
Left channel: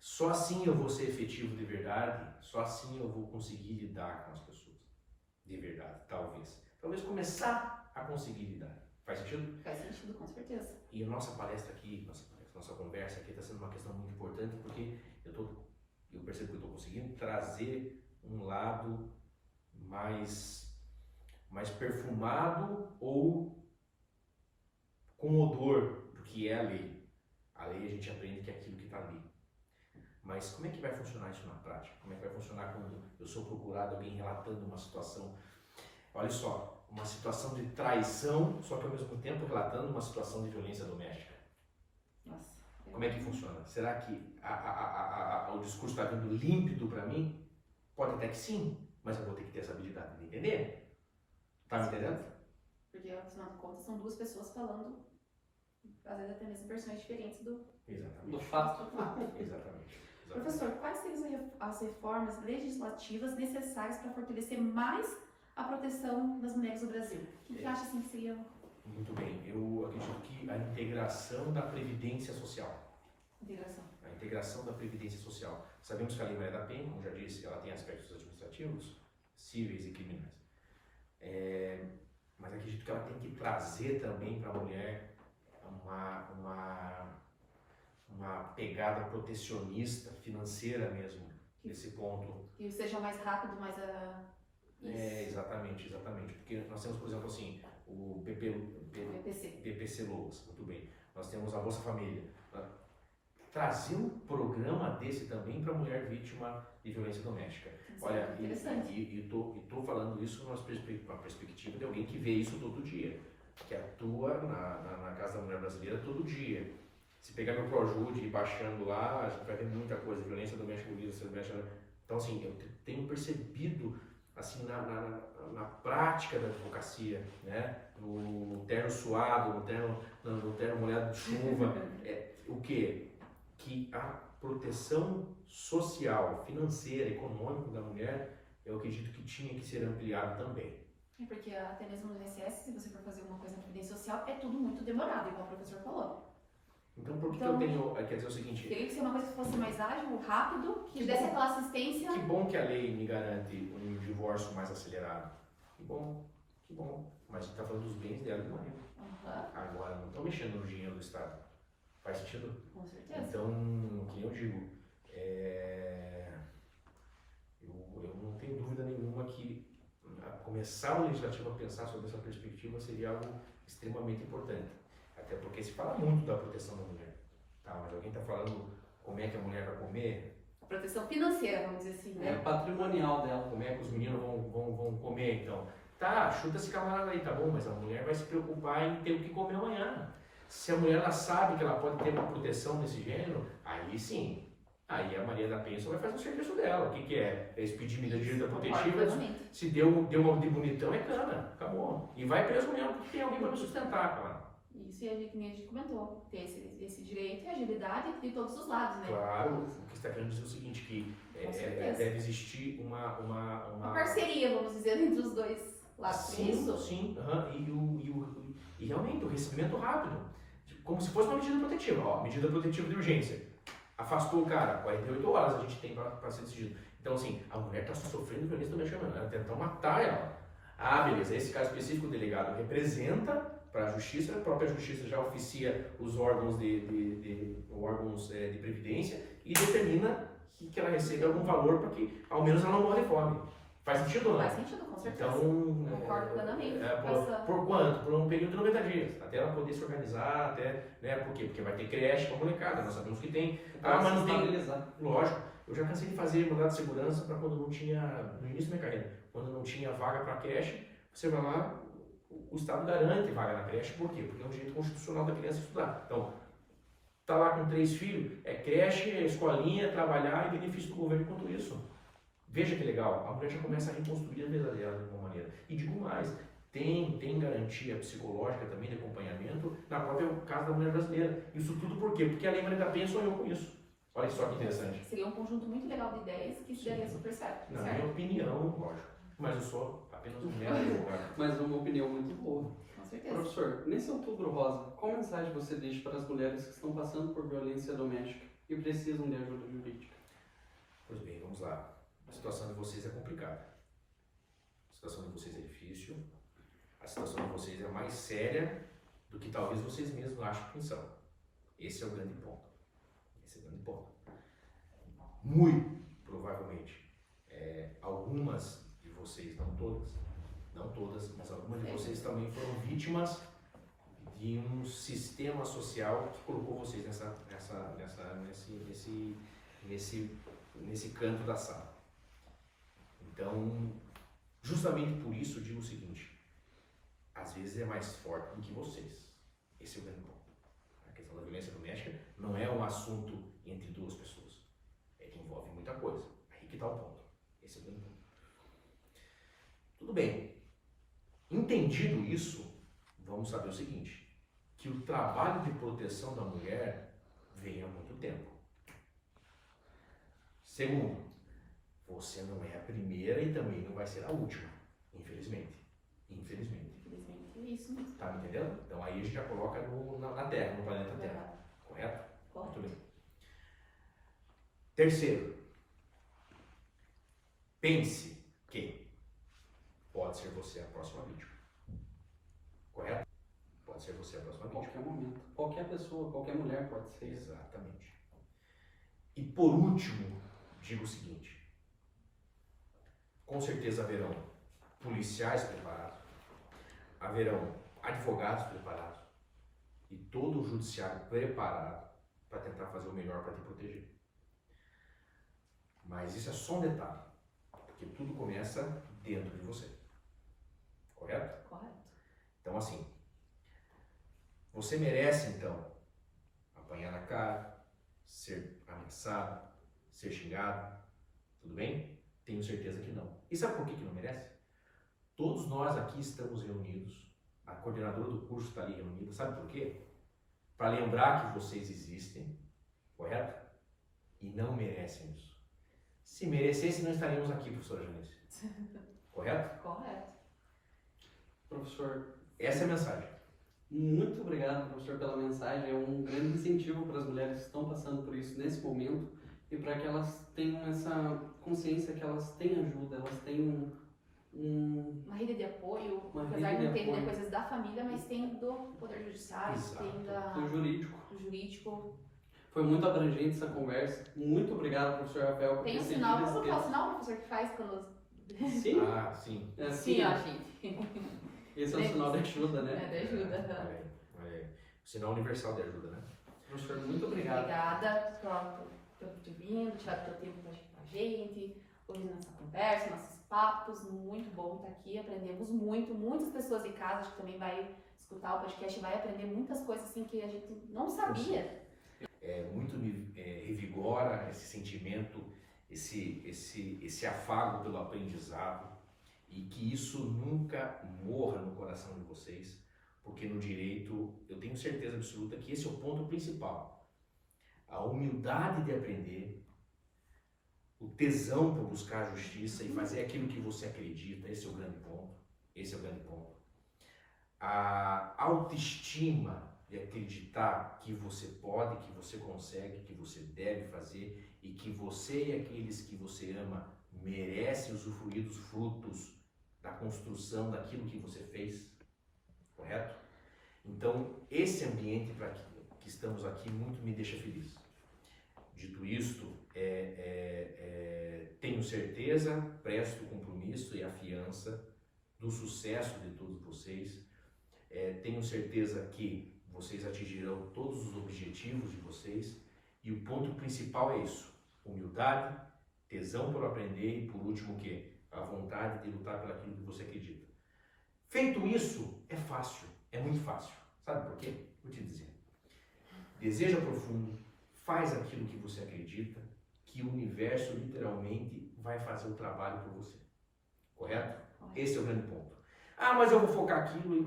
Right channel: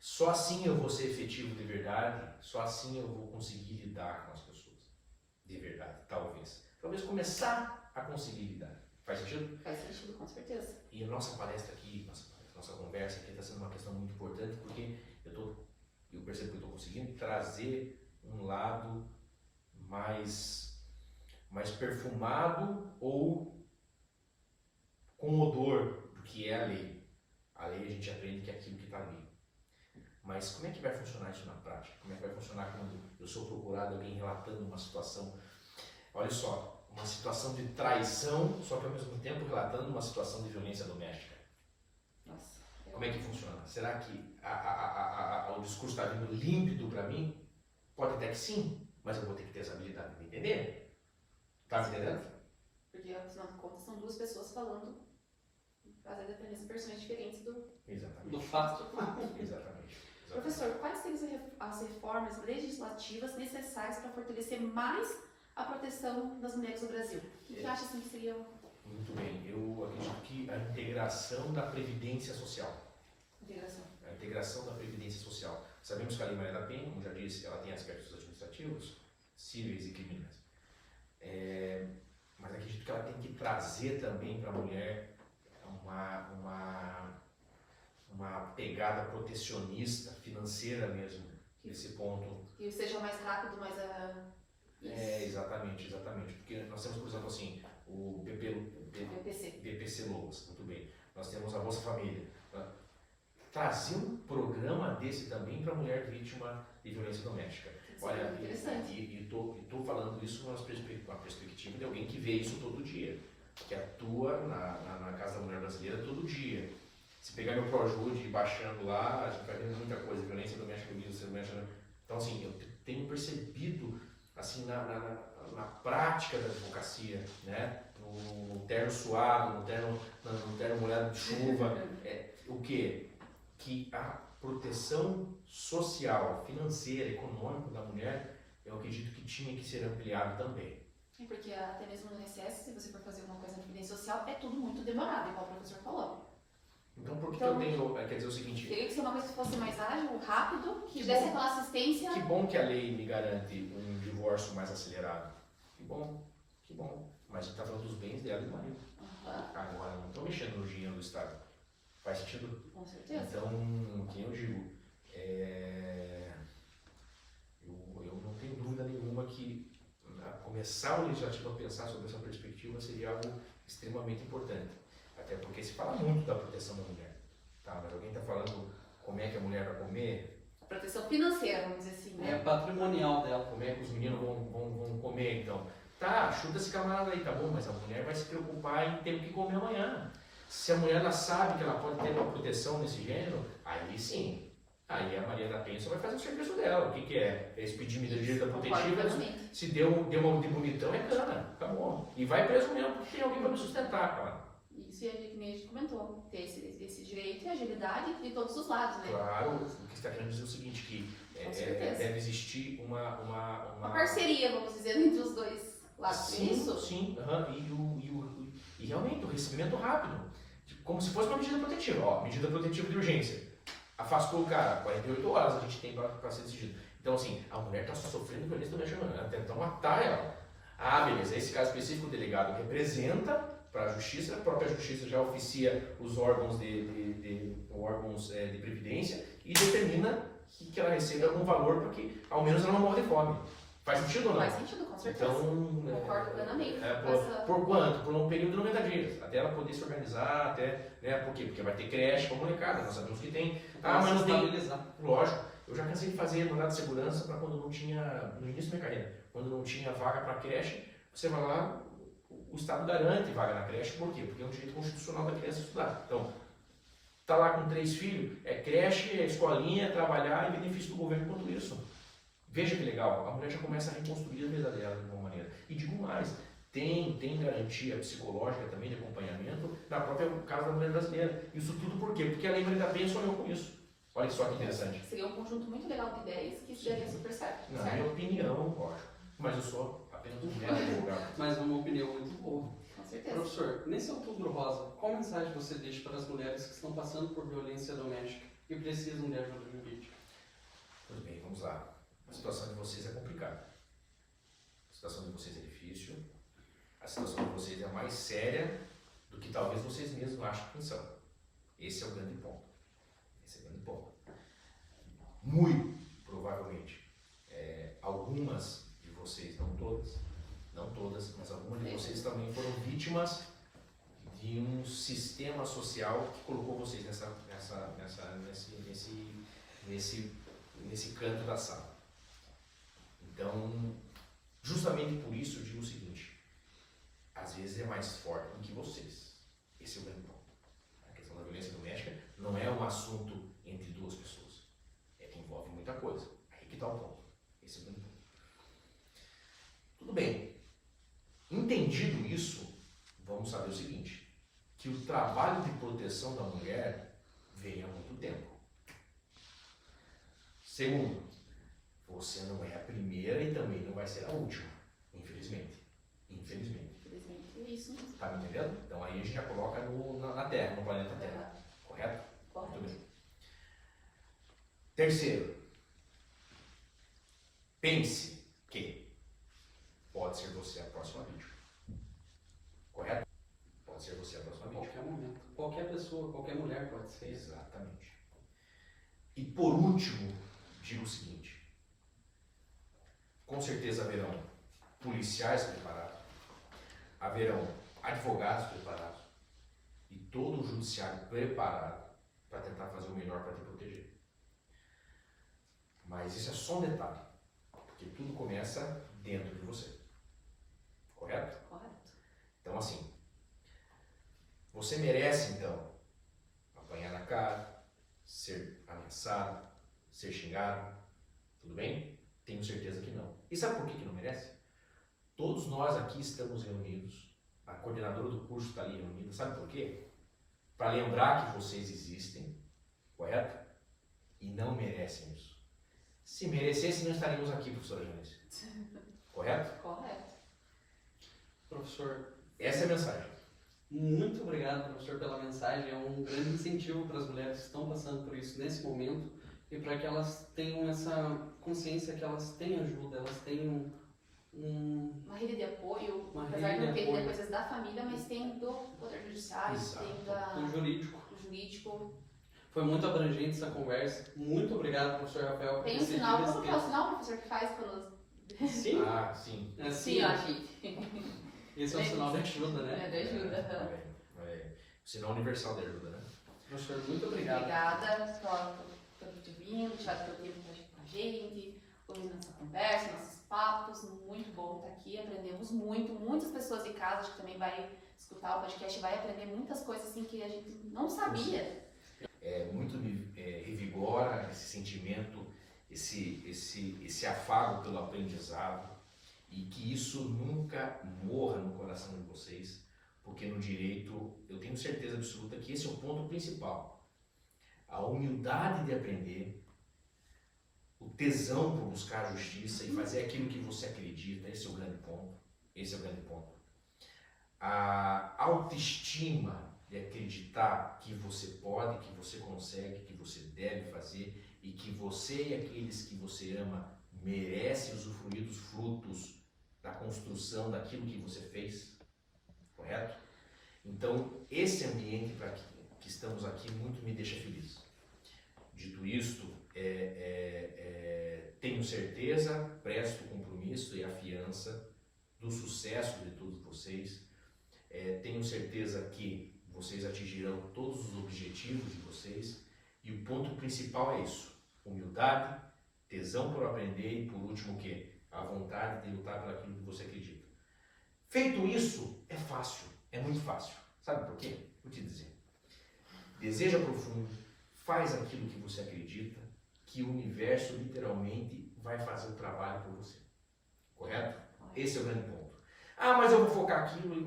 Só assim eu vou ser efetivo de verdade, só assim eu vou conseguir lidar com as pessoas. De verdade, talvez. Talvez começar a conseguir lidar. Faz sentido? Faz sentido, com certeza. E a nossa palestra aqui, nossa conversa aqui está sendo uma questão muito importante, porque eu percebo que eu estou conseguindo trazer um lado mais perfumado ou com odor do que é a lei. A lei a gente aprende que é aquilo que está ali. Mas como é que vai funcionar isso na prática? Como é que vai funcionar quando eu sou procurado, alguém relatando uma situação? Olha só, uma situação de traição, só que ao mesmo tempo relatando uma situação de violência doméstica. Nossa. Como é que funciona? Será que o discurso está vindo límpido para mim? Pode até que sim, mas eu vou ter que ter essa habilidade de entender. Tá me entendendo? Porque, afinal de contas, são duas pessoas falando, às vezes até mesmo versões diferentes do Exatamente. fato. Exatamente. Professor, quais seriam as reformas legislativas necessárias para fortalecer mais a proteção das mulheres no Brasil? O que acha assim que seria? Muito bem. Eu acredito que a integração da Previdência Social. Integração. A integração da Previdência Social. Sabemos que a Lei Maria da Penha, como já disse, ela tem aspectos administrativos, cíveis e criminais. Mas acredito que ela tem que trazer também para a mulher uma pegada protecionista, financeira mesmo, nesse ponto. Que seja mais rápido, mais Exatamente. Porque nós temos, por exemplo, assim, o BPC Loas, muito bem. Nós temos a Bolsa Família. Trazer um programa desse também para a mulher vítima de violência doméstica. Olha, e estou falando isso numa perspectiva de alguém que vê isso todo dia, que atua na Casa da Mulher Brasileira todo dia. Se pegar meu Projude e baixando lá, a gente vai vendo muita coisa, violência doméstica, violência doméstica. Então, assim, eu tenho percebido, assim, na prática da advocacia, né? No terno suado, no terno molhado de chuva, o quê? Que a proteção social, financeira, econômica da mulher, eu acredito que tinha que ser ampliado também. Porque até mesmo no INSS, se você for fazer uma coisa na previdência social, é tudo muito demorado, igual o professor falou. Então, por que eu tenho, quer dizer o seguinte... Queria que seja uma coisa que fosse mais ágil, rápido, que desse aquela assistência... Que bom que a lei me garante um divórcio mais acelerado. Que bom. Mas a gente está falando dos bens dela e do marido. Agora, não estou mexendo no dinheiro do Estado. Faz sentido? Com certeza. Então, o que eu digo, eu não tenho dúvida nenhuma que começar o legislativo a pensar sobre essa perspectiva seria algo extremamente importante. Até porque se fala muito da proteção da mulher. Tá, mas alguém está falando como é que a mulher vai comer? Proteção financeira, vamos dizer assim, né? É patrimonial dela. Como é que os meninos vão comer, então? Tá, chuta esse camarada aí, tá bom, mas a mulher vai se preocupar em ter o que comer amanhã. Se a mulher ela sabe que ela pode ter uma proteção nesse gênero, aí sim. Aí a Maria da Penha só vai fazer o serviço dela. O que é? É expedir medida protetiva. Se deu uma de bonitão, é cana. Acabou. E vai preso mesmo, porque tem alguém para me sustentar, cara. Isso, e a gente comentou, ter esse direito e agilidade de todos os lados, né? Claro, o que você está querendo dizer é o seguinte, que deve existir uma parceria, vamos dizer, entre os dois lados. Sim. E realmente, o recebimento rápido. Como se fosse uma medida protetiva. Ó, medida protetiva de urgência. Afastou o cara, 48 horas a gente tem para ser decidido. Então, assim, a mulher está sofrendo violência doméstica, ela tentar matar ela. Ah, beleza, esse caso específico, o delegado representa para a justiça, a própria justiça já oficia os órgãos de previdência e determina que ela receba algum valor para que, ao menos, ela não morra de fome. Faz sentido ou não? Faz sentido, com certeza. Então, concordo plenamente. Por quanto? Por um período de 90 dias. Até ela poder se organizar, por quê? Porque vai ter creche para molecada, nós sabemos que tem. Mas não tem. Lógico, eu já cansei de fazer mandado de segurança para quando não tinha, no início da minha carreira, quando não tinha vaga para creche, você vai lá, o Estado garante vaga na creche, por quê? Porque é um direito constitucional da criança estudar. Então, tá lá com 3 filhos, é creche, é escolinha, é trabalhar e benefício do governo quanto isso. Veja que legal, a mulher já começa a reconstruir a vida dela de uma maneira. E digo mais, tem garantia psicológica também de acompanhamento na própria casa da mulher brasileira. Isso tudo por quê? Porque a Lei Maria da Penha sonhou com isso. Olha só que interessante. Seria um conjunto muito legal de ideias que se daria super certo. Na minha opinião, lógico. Mas eu sou apenas um mero advogado. Mas é uma opinião muito boa. Com certeza. Professor, nesse Outubro Rosa, qual mensagem você deixa para as mulheres que estão passando por violência doméstica e precisam de ajuda jurídica? Pois bem, vamos lá. A situação de vocês é complicada. A situação de vocês é difícil. A situação de vocês é mais séria do que talvez vocês mesmos acham que são. Esse é o grande ponto. Muito provavelmente, algumas de vocês, não todas, mas algumas de vocês também foram vítimas de um sistema social que colocou vocês nesse canto da sala. Então, justamente por isso eu digo o seguinte, às vezes é mais forte do que vocês. Esse é o grande ponto. A questão da violência doméstica não é um assunto entre duas pessoas. É que envolve muita coisa. Aí que está o ponto. Esse é o grande ponto. Tudo bem. Entendido isso, vamos saber o seguinte, que o trabalho de proteção da mulher vem há muito tempo. Segundo, você não é a primeira e também não vai ser a última, infelizmente. Infelizmente. Infelizmente, é isso mesmo. Tá me entendendo? Então aí a gente já coloca na Terra, no planeta Terra. Correto? Correto. Muito bem. Terceiro, pense que pode ser você a próxima vítima. Correto? Pode ser você a próxima vítima. Qualquer momento. Qualquer pessoa, qualquer mulher pode ser. Exatamente. E por último, digo o seguinte: com certeza haverão policiais preparados, haverão advogados preparados e todo o judiciário preparado para tentar fazer o melhor para te proteger. Mas isso é só um detalhe, porque tudo começa dentro de você. Correto? Correto. Então assim, você merece então apanhar na cara, ser ameaçado, ser xingado, tudo bem? Tenho certeza que não. E sabe por que não merece? Todos nós aqui estamos reunidos, a coordenadora do curso está ali reunida, sabe por quê? Para lembrar que vocês existem, correto? E não merecem isso. Se merecessem, não estaríamos aqui, professora Janice. Correto? Correto. Professor, Essa é a mensagem. muito obrigado, professor, pela mensagem. É um grande incentivo para as mulheres que estão passando por isso nesse momento e para que elas tenham essa consciência que elas têm ajuda, elas têm Uma rede de apoio, Uma apesar rede de não de ter apoio. coisas da família, mas tem do Poder Judiciário, Exato. tem do jurídico. do jurídico. Foi muito abrangente essa conversa. Muito obrigado, professor Rafael, por Tem um ter sinal, cedido esse qual que é o tempo. sinal, professor, que faz quando... Sim, Ah, sim. é assim, Sim, ó, gente. esse é um sinal de ajuda, né? É, de ajuda. Olha aí, olha aí. Sinal universal de ajuda, né? Professor, muito obrigado. Obrigada por ter vindo, tirado teu tempo com a gente, ouvindo nossa conversa, nossos papos. Muito bom estar aqui, aprendemos muito. Muitas pessoas em casa, acho que também vai escutar o podcast, vai aprender muitas coisas assim que a gente não sabia. Muito revigora esse sentimento, esse afago pelo aprendizado e que isso nunca morra no coração de vocês, porque no direito eu tenho certeza absoluta que esse é o ponto principal. A humildade de aprender, o tesão por buscar a justiça e fazer aquilo que você acredita, esse é o grande ponto. Esse é o grande ponto. A autoestima de acreditar que você pode, que você consegue, que você deve fazer e que você e aqueles que você ama merecem usufruir dos frutos da construção daquilo que você fez, correto? Então, esse ambiente para que estamos aqui muito me deixa feliz. Dito isto, tenho certeza, presto o compromisso e a fiança do sucesso de todos vocês. Tenho certeza que vocês atingirão todos os objetivos de vocês e o ponto principal é isso: humildade, tesão por aprender e por último o quê? A vontade de lutar por aquilo que você acredita. Feito isso, é fácil, é muito fácil. Sabe por quê? Vou te dizer. Deseja profundo, faz aquilo que você acredita, que o universo literalmente vai fazer o trabalho por você. Correto? Esse é o grande ponto. Ah, mas eu vou focar aquilo e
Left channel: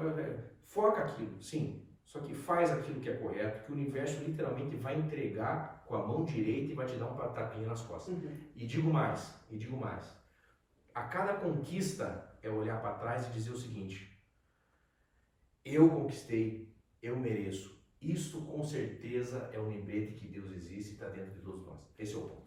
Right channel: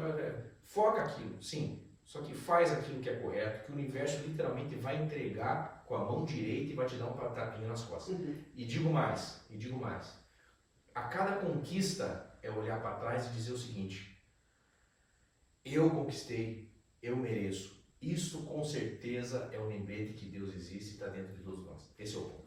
foca aquilo, sim. Só que faz aquilo que é correto, que o universo literalmente vai entregar com a mão direita e vai te dar um tapinha nas costas. Uhum. E digo mais. A cada conquista é olhar para trás e dizer o seguinte: eu conquistei, eu mereço. Isso com certeza é um lembrete que Deus existe e está dentro de todos nós. Esse é o ponto.